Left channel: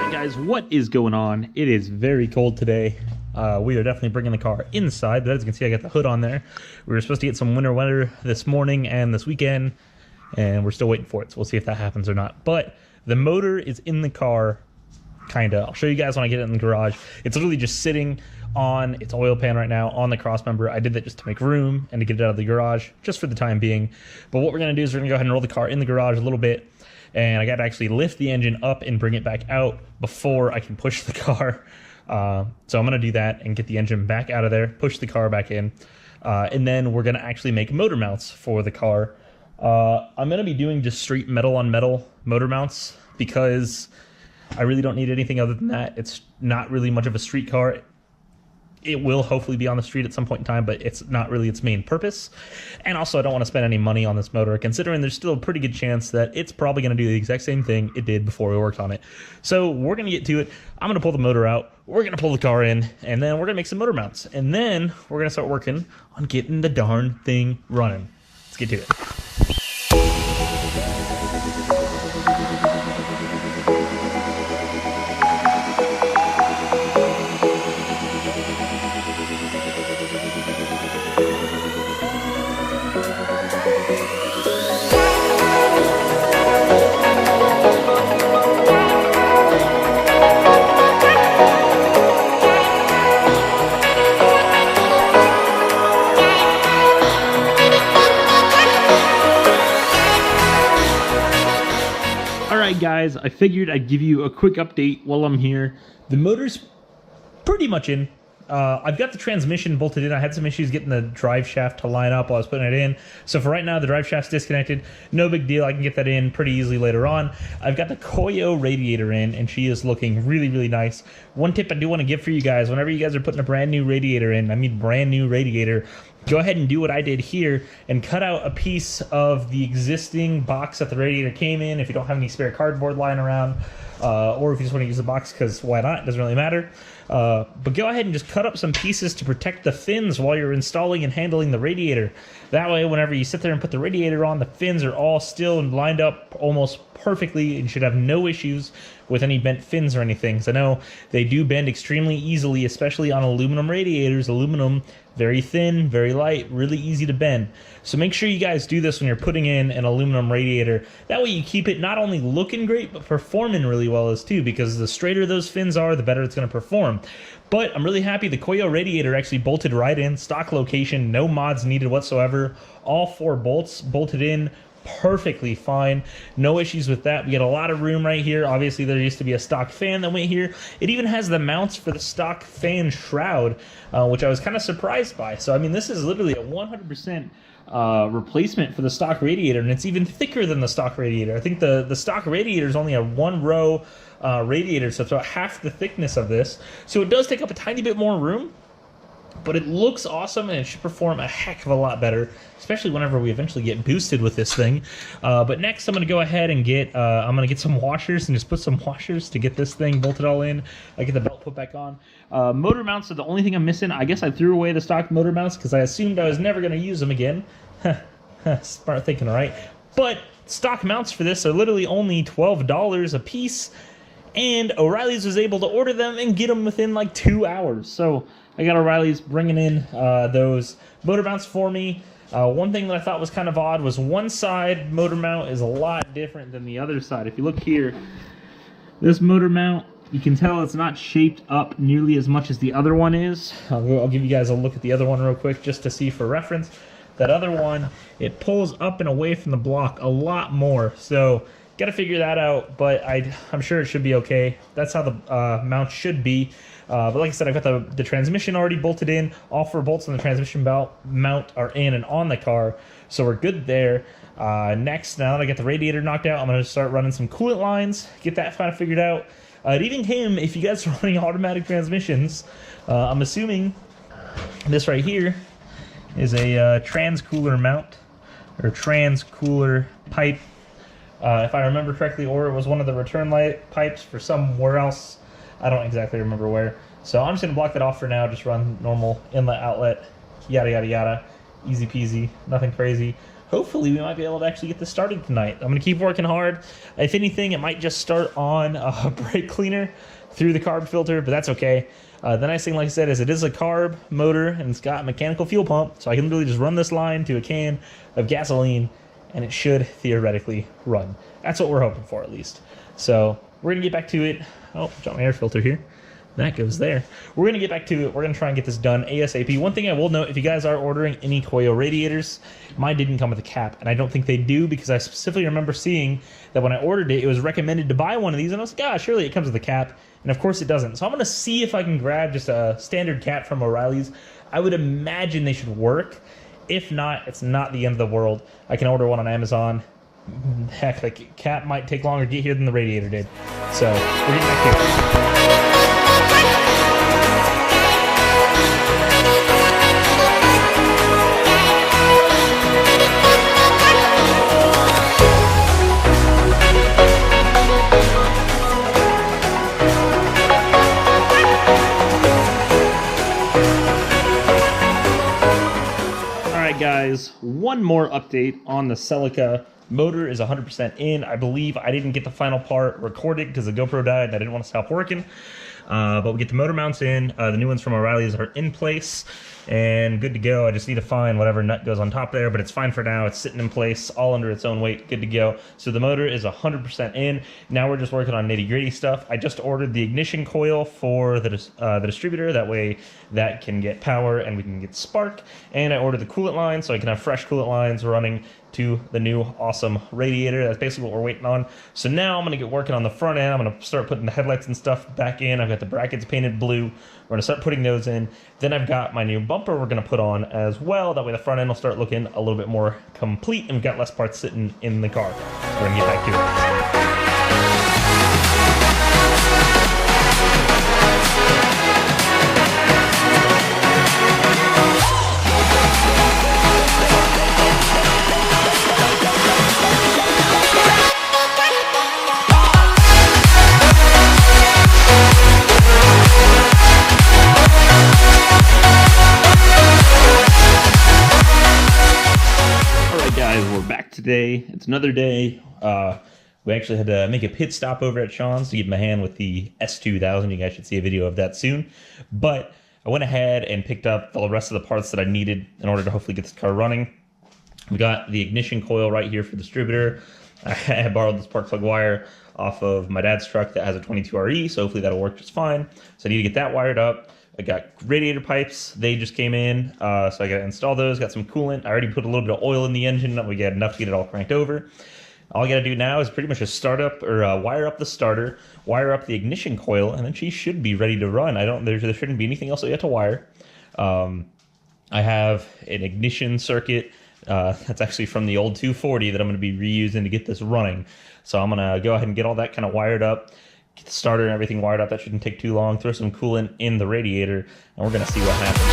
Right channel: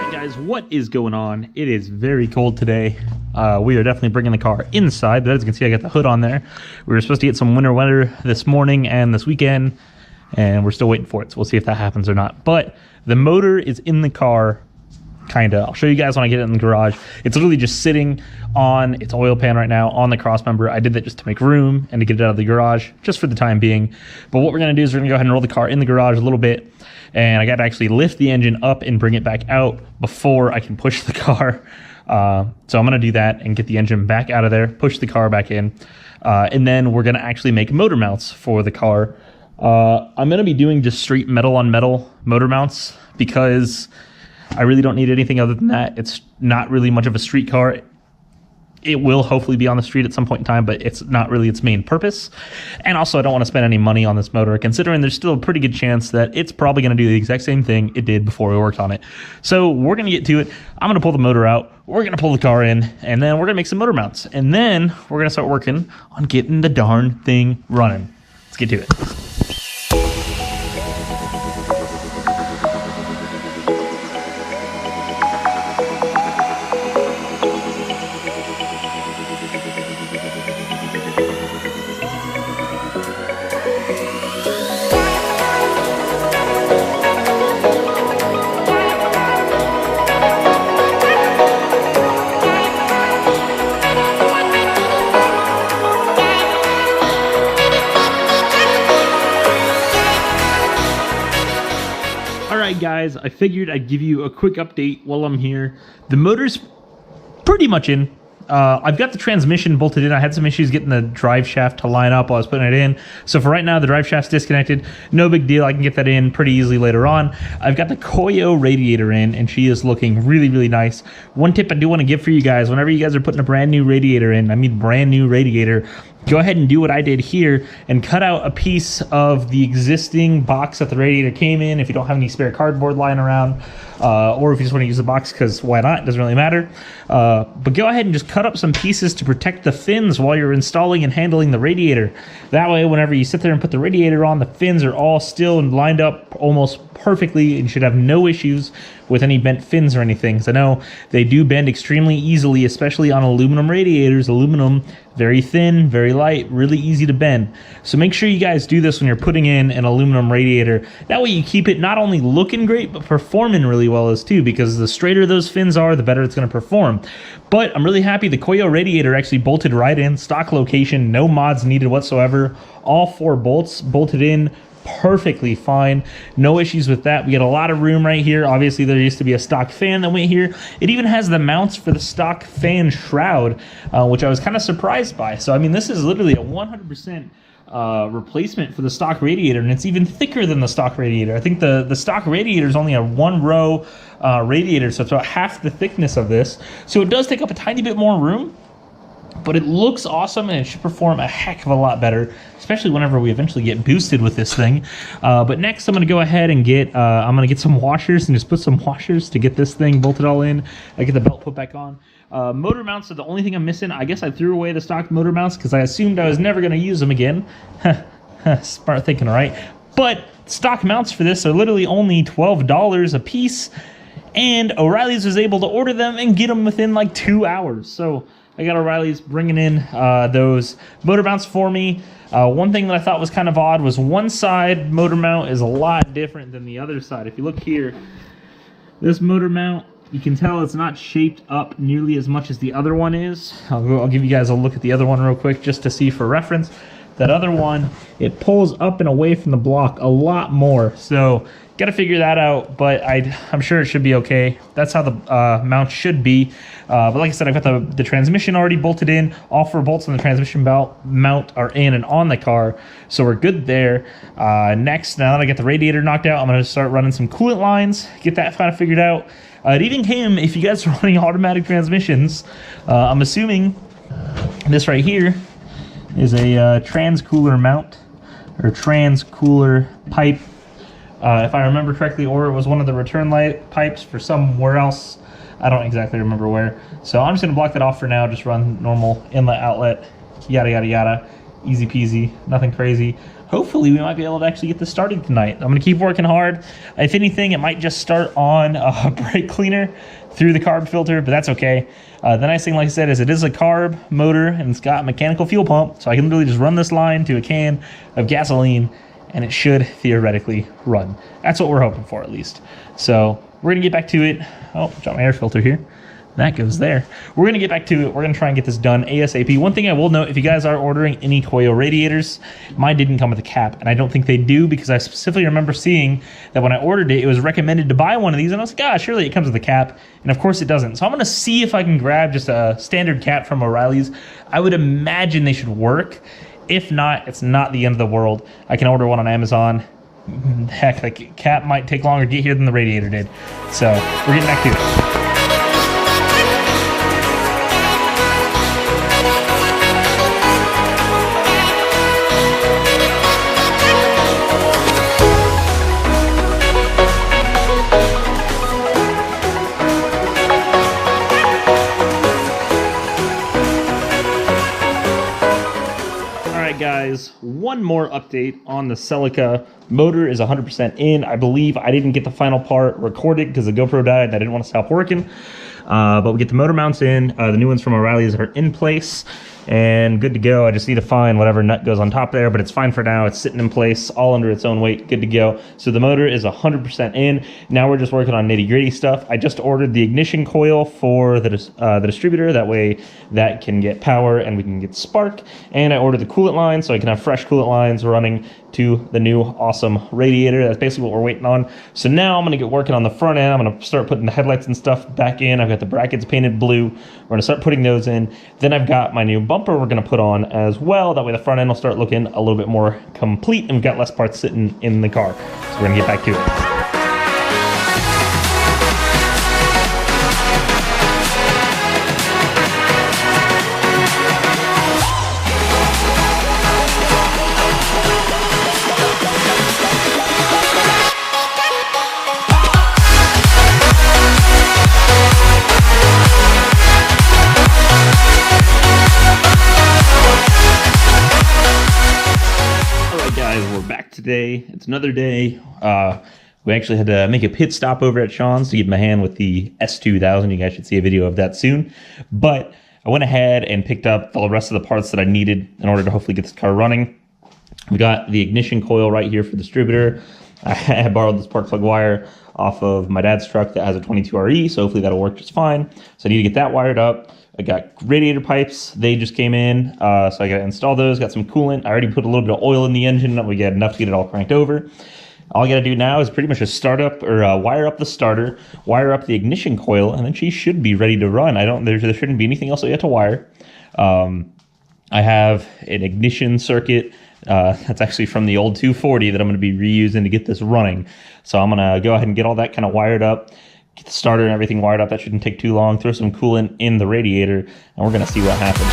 Alright guys, what is going on? It is very cold today. We are definitely bringing the car inside, but as you can see I got the hood on there. We were supposed to get some winter weather this morning and this weekend, and we're still waiting for it, so we'll see if that happens or not. But the motor is in the car, kinda. I'll show you guys when I get it in the garage. It's literally just sitting on its oil pan right now on the cross member. I did that just to make room and to get it out of the garage, just for the time being. But what we're gonna do is we're gonna go ahead and roll the car in the garage a little bit, and I got to actually lift the engine up and bring it back out before I can push the car. So I'm going to do that and get the engine back out of there, push the car back in, and then we're going to actually make motor mounts for the car. I'm going to be doing just straight metal on metal motor mounts because I really don't need anything other than that. It's not really much of a street car. It will hopefully be on the street at some point in time, but it's not really its main purpose. And also, I don't want to spend any money on this motor, considering there's still a pretty good chance that it's probably going to do the exact same thing it did before we worked on it. So we're going to get to it. I'm going to pull the motor out. We're going to pull the car in, and then we're going to make some motor mounts. And then we're going to start working on getting the darn thing running. Let's get to it. Guys, I figured I'd give you a quick update while I'm here. The motor's pretty much in. I've got the transmission bolted in. I had some issues getting the drive shaft to line up while I was putting it in. So for right now, the drive shaft's disconnected. No big deal. I can get that in pretty easily later on. I've got the Koyo radiator in, and she is looking really, really nice. One tip I do want to give for you guys, whenever you guys are putting a brand new radiator in, I mean brand new radiator, go ahead and do what I did here and cut out a piece of the existing box that the radiator came in if you don't have any spare cardboard lying around. Or if you just want to use the box, because why not? It doesn't really matter. But go ahead and just cut up some pieces to protect the fins while you're installing and handling the radiator. That way, whenever you sit there and put the radiator on, the fins are all still and lined up almost perfectly, and you should have no issues with any bent fins or anything. So I know they do bend extremely easily, especially on aluminum radiators. Aluminum, very thin, very light, really easy to bend. So make sure you guys do this when you're putting in an aluminum radiator. That way you keep it not only looking great, but performing really well as too, because the straighter those fins are, the better it's going to perform. But I'm really happy the Koyo radiator actually bolted right in, stock location, no mods needed whatsoever. All 4 bolts bolted in perfectly fine, no issues with that. We got a lot of room right here. Obviously there used to be a stock fan that went here. It even has the mounts for the stock fan shroud, which I was kind of surprised by. So I mean, this is literally a 100% replacement for the stock radiator, and it's even thicker than the stock radiator. I think the stock radiator is only a 1-row radiator, so it's about half the thickness of this. So it does take up a tiny bit more room, but it looks awesome, and it should perform a heck of a lot better, especially whenever we eventually get boosted with this thing. But next, I'm going to go ahead and get some washers and just put some washers to get this thing bolted all in. I get the belt put back on. Motor mounts are the only thing I'm missing. I guess I threw away the stock motor mounts because I assumed I was never going to use them again. Smart thinking, right? But stock mounts for this are literally only $12 a piece, and O'Reilly's was able to order them and get them within like 2 hours. So I got O'Reilly's bringing in those motor mounts for me. One thing that I thought was kind of odd was one side motor mount is a lot different than the other side. If you look here, this motor mount, you can tell it's not shaped up nearly as much as the other one is. I'll give you guys a look at the other one real quick just to see for reference. That other one, it pulls up and away from the block a lot more. So got to figure that out, but I'm sure it should be okay. That's how the mount should be. But like I said, I've got the transmission already bolted in. All 4 bolts on the transmission mount are in and on the car, so we're good there. Next, now that I get the radiator knocked out, I'm going to start running some coolant lines, get that kind of figured out. It even came, if you guys are running automatic transmissions, I'm assuming this right here is a trans-cooler mount, or trans-cooler pipe. If I remember correctly, or it was one of the return light pipes for somewhere else. I don't exactly remember where. So I'm just going to block that off for now, just run normal inlet, outlet, yada, yada, yada. Easy peasy, nothing crazy. Hopefully we might be able to actually get this started tonight. I'm gonna keep working hard. If anything, it might just start on a brake cleaner through the carb filter, but that's okay. The nice thing, like I said, is it is a carb motor and it's got a mechanical fuel pump, so I can literally just run this line to a can of gasoline and it should theoretically run. That's what we're hoping for, at least. So we're gonna get back to it. Oh, dropped my air filter here. That goes there. We're going to get back to it. We're going to try and get this done ASAP. One thing I will note, if you guys are ordering any coil radiators, mine didn't come with a cap, and I don't think they do, because I specifically remember seeing that when I ordered it, it was recommended to buy one of these, and I was like, ah, surely it comes with a cap, and of course it doesn't. So I'm going to see if I can grab just a standard cap from O'Reilly's. I would imagine they should work. If not, it's not the end of the world. I can order one on Amazon. Heck, like, cap might take longer to get here than the radiator did. So we're getting back to it. Guys, one more update on the Celica. Motor is 100% in. I believe I didn't get the final part recorded because the GoPro died and I didn't want to stop working. But we get the motor mounts in. The new ones from O'Reilly's are in place and good to go. I just need to find whatever nut goes on top there, but it's fine for now. It's sitting in place, all under its own weight, good to go. So the motor is 100% in. Now we're just working on nitty-gritty stuff. I just ordered the ignition coil for the distributor. That way that can get power and we can get spark. And I ordered the coolant line so I can have fresh coolant lines running to the new awesome radiator. That's basically what we're waiting on. So now I'm going to get working on the front end. I'm going to start putting the headlights and stuff back in. I've got the brackets painted blue. We're going to start putting those in. Then I've got my new bumper we're going to put on as well. That way the front end will start looking a little bit more complete and we've got less parts sitting in the car. So we're going to get back to it. Today, it's another day. We actually had to make a pit stop over at Sean's to give him a hand with the S2000. You guys should see a video of that soon. But I went ahead and picked up the rest of the parts that I needed in order to hopefully get this car running. We got the ignition coil right here for the distributor. I borrowed this spark plug wire off of my dad's truck that has a 22RE, so hopefully that'll work just fine. So I need to get that wired up. I got radiator pipes. They just came in, so I got to install those. Got some coolant. I already put a little bit of oil in the engine. We got enough to get it all cranked over. All I got to do now is pretty much just start up or wire up the starter, wire up the ignition coil, and then she should be ready to run. There shouldn't be anything else I have to wire. I have an ignition circuit that's actually from the old 240 that I'm going to be reusing to get this running. So I'm going to go ahead and get all that kind of wired up. Get the starter and everything wired up. That shouldn't take too long. Throw some coolant in the radiator, and we're going to see what happens.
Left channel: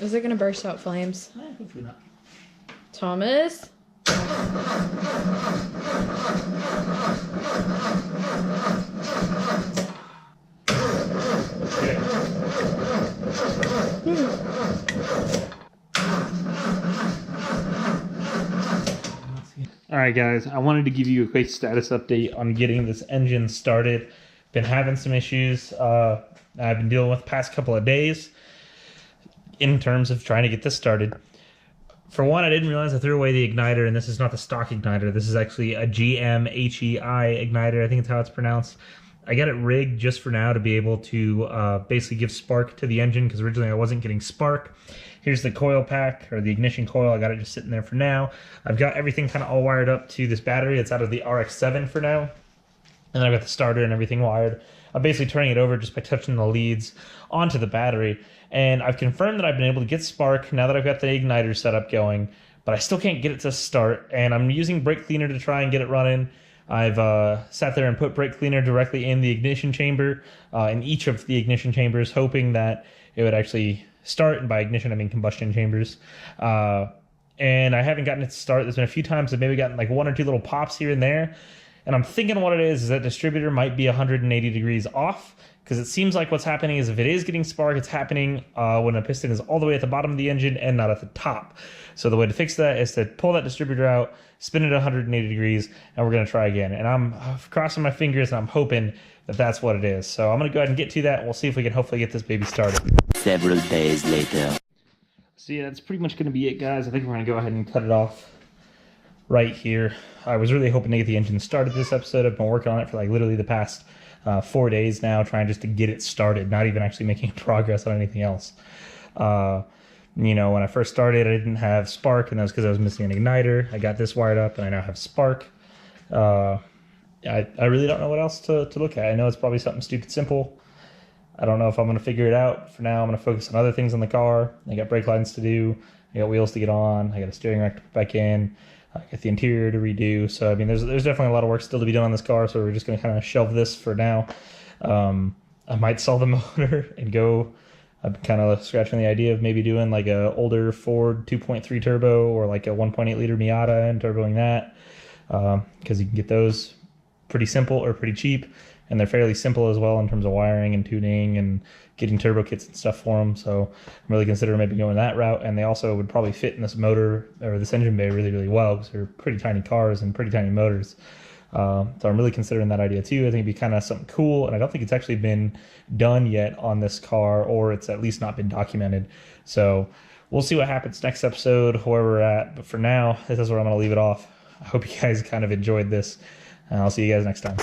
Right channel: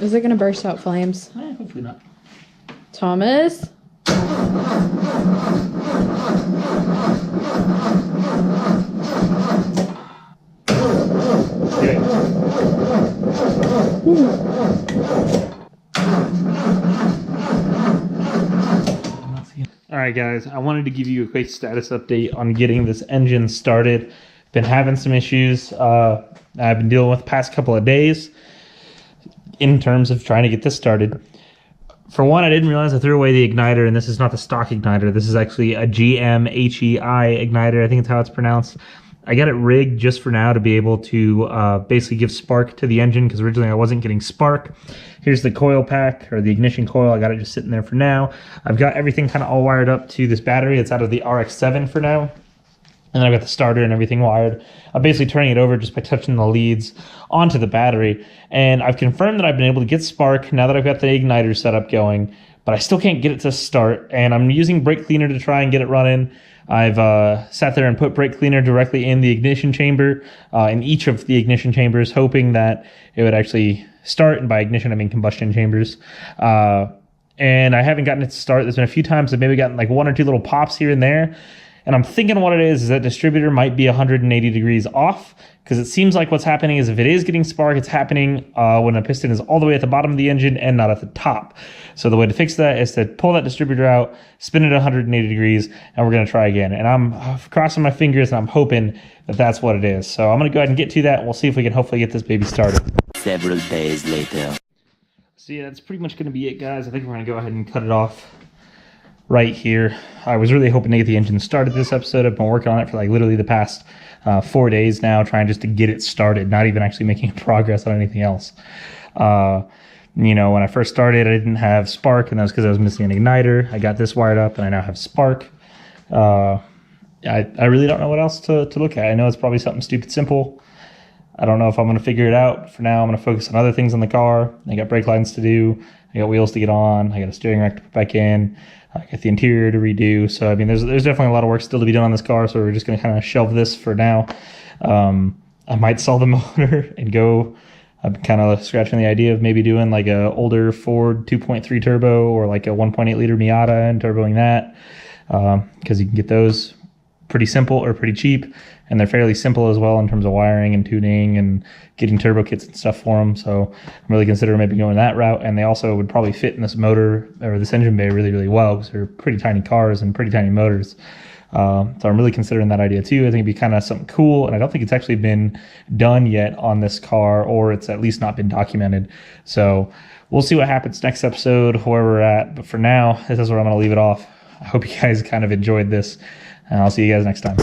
Is it going to burst out flames? Hopefully not. Thomas? Alright guys, I wanted to give you a quick status update on getting this engine started. Been having some issues I've been dealing with the past couple of days in terms of trying to get this started. For one, I didn't realize I threw away the igniter, and this is not the stock igniter. This is actually a GM-HEI igniter. I think it's how it's pronounced. I got it rigged just for now to be able to basically give spark to the engine, because originally I wasn't getting spark. Here's the coil pack, or the ignition coil. I got it just sitting there for now. I've got everything kind of all wired up to this battery. It's out of the RX-7 for now. And then I've got the starter and everything wired. I'm basically turning it over just by touching the leads onto the battery. And I've confirmed that I've been able to get spark now that I've got the igniter setup going, but I still can't get it to start. And I'm using brake cleaner to try and get it running. I've sat there and put brake cleaner directly in the ignition chamber, in each of the ignition chambers, hoping that it would actually start. And by ignition, I mean combustion chambers. And I haven't gotten it to start. There's been a few times I've maybe gotten like 1 or 2 little pops here and there. And I'm thinking what it is that distributor might be 180 degrees off, because it seems like what's happening is if it is getting spark, it's happening when a piston is all the way at the bottom of the engine and not at the top. So the way to fix that is to pull that distributor out, spin it at 180 degrees, and we're going to try again. And I'm crossing my fingers and I'm hoping that that's what it is. So I'm going to go ahead and get to that, and we'll see if we can hopefully get this baby started. Several days later. So yeah, that's pretty much going to be it, guys. I think we're going to go ahead and cut it off right here. I was really hoping to get the engine started this episode. I've been working on it for like literally the past 4 days now, trying just to get it started, not even actually making progress on anything else. You know, when I first started, I didn't have spark, and that was because I was missing an igniter. I got this wired up, and I now have spark. I really don't know what else to look at. I know it's probably something stupid simple. I don't know if I'm going to figure it out. For now, I'm going to focus on other things on the car. I got brake lines to do. I got wheels to get on. I got a steering rack to put back in. I got the interior to redo. So, I mean, there's definitely a lot of work still to be done on this car. So we're just going to kind of shelve this for now. I might sell the motor and go. I'm kind of scratching the idea of maybe doing like a older Ford 2.3 turbo or like a 1.8 liter Miata and turboing that. Because you can get those pretty simple or pretty cheap. And they're fairly simple as well in terms of wiring and tuning and getting turbo kits and stuff for them. So I'm really considering maybe going that route. And they also would probably fit in this motor or this engine bay really, really well, because they're pretty tiny cars and pretty tiny motors. So I'm really considering that idea too. I think it'd be kind of something cool. And I don't think it's actually been done yet on this car, or it's at least not been documented. So we'll see what happens next episode, where we're at. But for now, this is where I'm going to leave it off. I hope you guys kind of enjoyed this, and I'll see you guys next time.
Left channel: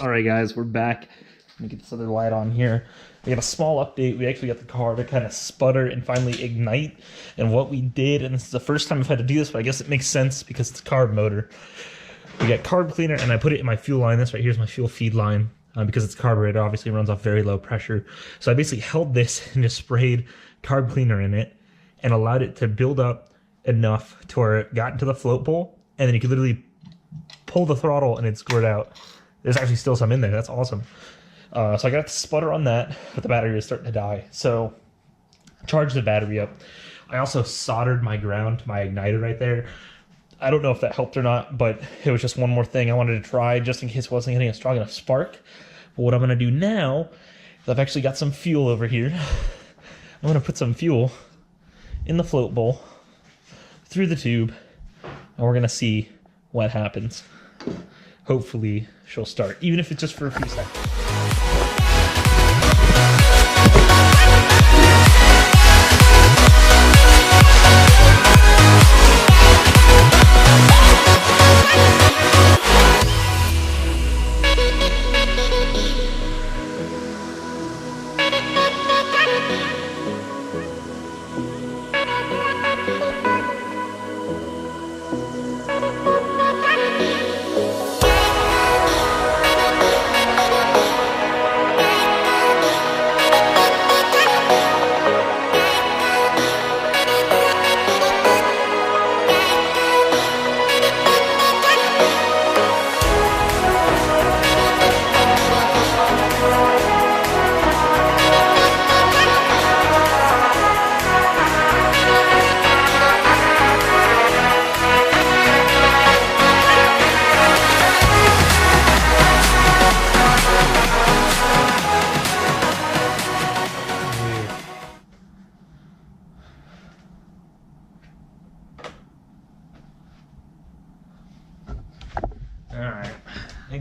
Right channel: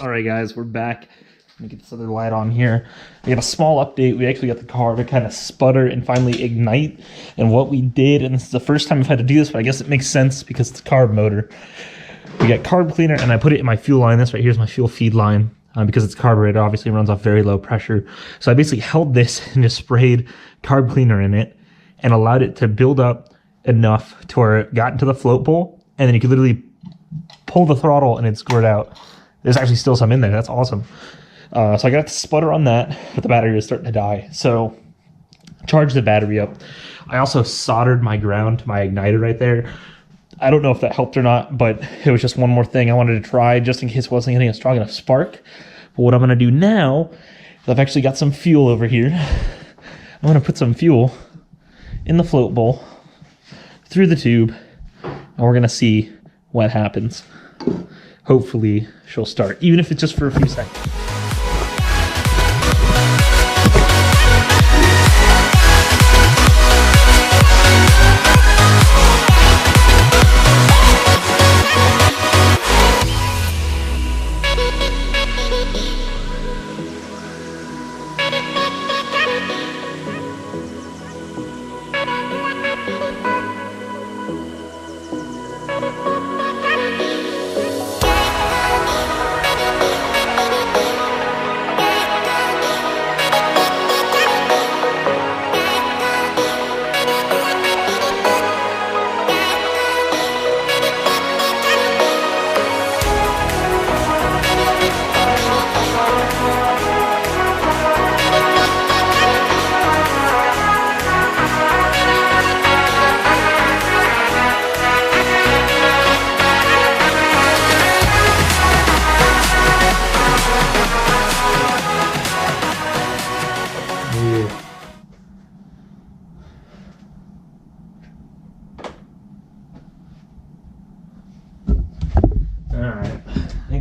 All right, guys, we're back. Let me get this other light on here. We have a small update. We actually got the car to kind of sputter and finally ignite. And what we did, and this is the first time I've had to do this, but I guess it makes sense because it's a carb motor. We got carb cleaner, and I put it in my fuel line. This right here is my fuel feed line. Because it's carburetor, obviously it runs off very low pressure. So I basically held this and just sprayed carb cleaner in it and allowed it to build up enough to where it got into the float bowl. And then you could literally pull the throttle and it'd squirt out. There's actually still some in there. That's awesome. So I got to sputter on that, but the battery was starting to die. So charge the battery up. I also soldered my ground to my igniter right there. I don't know if that helped or not, but it was just one more thing I wanted to try just in case it wasn't getting a strong enough spark. But what I'm going to do now is I've actually got some fuel over here. I'm going to put some fuel in the float bowl through the tube, and we're going to see what happens. Hopefully she'll start, even if it's just for a few seconds.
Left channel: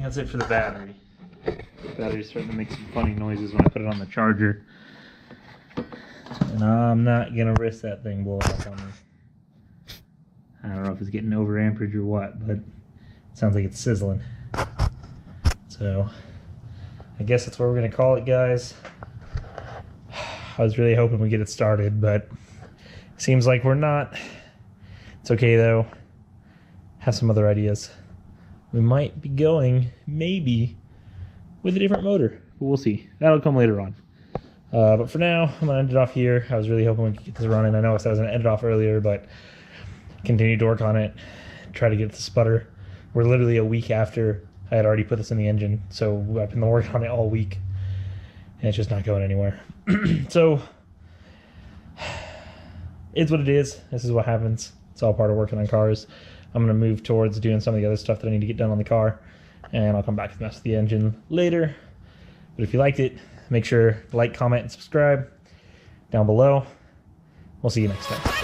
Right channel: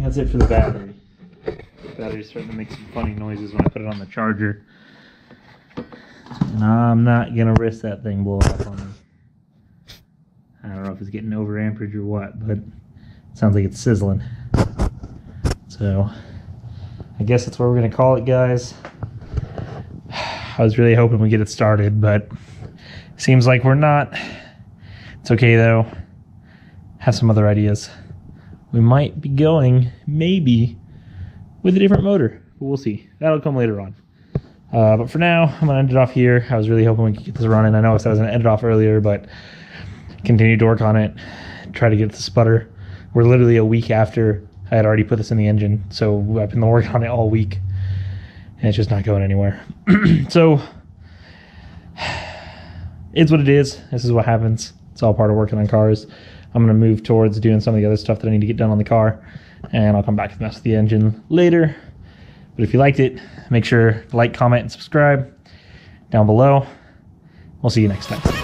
That's it for the battery. The battery's starting to make some funny noises when I put it on the charger. And I'm not going to risk that thing blowing up on me. I don't know if it's getting over amperage or what, but it sounds like it's sizzling. So, I guess that's what we're going to call it, guys. I was really hoping we get it started, but seems like we're not. It's okay, though. Have some other ideas. we might be going maybe with a different motor, but we'll see. That'll come later on. But for now, I'm gonna end it off here. I was really hoping we could get this running. I know I said I was gonna end it off earlier, but continued to work on it, try to get it to sputter. We're literally a week after I had already put this in the engine, so I've been working on it all week, and it's just not going anywhere. So it's what it is. This is what happens. It's all part of working on cars. I'm gonna move towards doing some of the other stuff that I need to get done on the car, and I'll come back to mess with the engine later. But if you liked it, make sure to like, comment, and subscribe down below. We'll see you next time.